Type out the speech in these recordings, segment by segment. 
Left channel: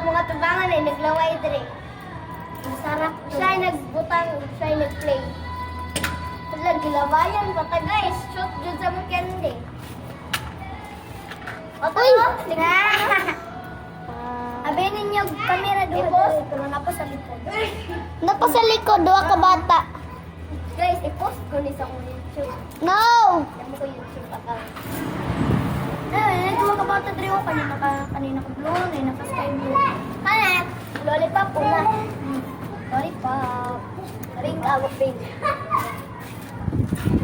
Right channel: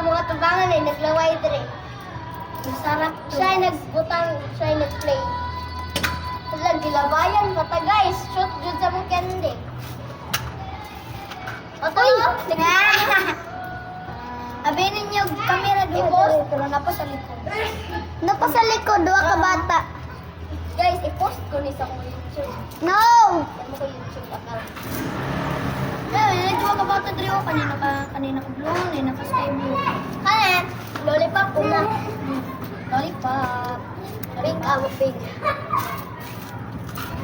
ang mga tubangan ay naglaway dire. Masarap. Siya ay nagbutang, siya ay nagplay. Wala, gilabayan pa ta guys. Shoot jud sa mong candy. O to, abi ninyo kamera doon. Pero napa sa likod. Napa sa likod, duha ka bata. Guys, i-post ko ni sa akong YouTube. No! Yan mo ko YouTube account. Nagduwa ka bata dito. Kanina ko blue, kanina ka sky blue. Kanan, lollipop ko na. Lollipop. Pink, pink.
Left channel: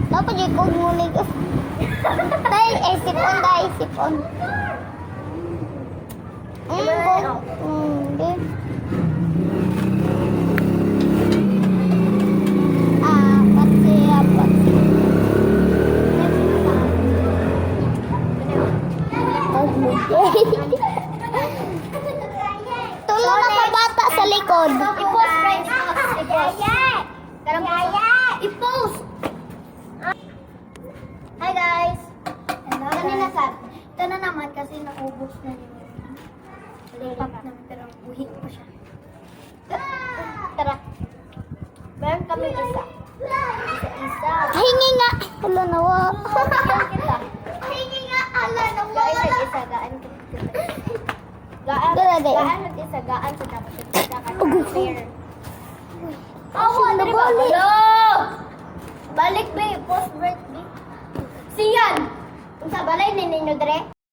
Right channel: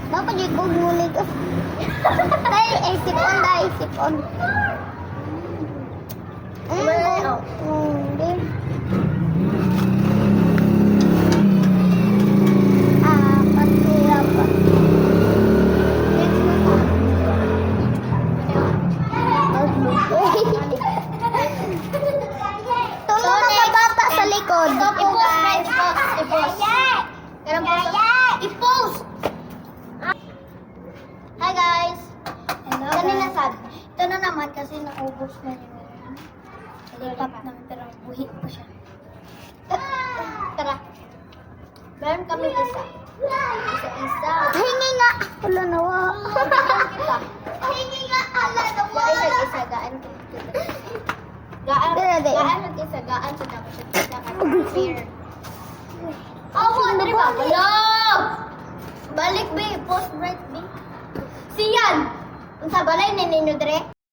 Dapat di ko muli ko. Dahil, sipon dahil, sipon. Tulong na bata sa likod. I-post, guys. I-post. I-post. Hi, guys. Hello, kanina sad. Ito na naman kasi naubos na yung lollipop namin pero buhi pa siya. Tara. Meron kami isa. Isa-isa. Hingi nga. Hala nawa. Hingi nga. Hala nawa. Gaan isa. Gaan isa. Gaan sa tapos isa ka fair. Oh, ano ba? Hello! Balik ba? Post break ba? Siyan! Unsa balay ninyo dire?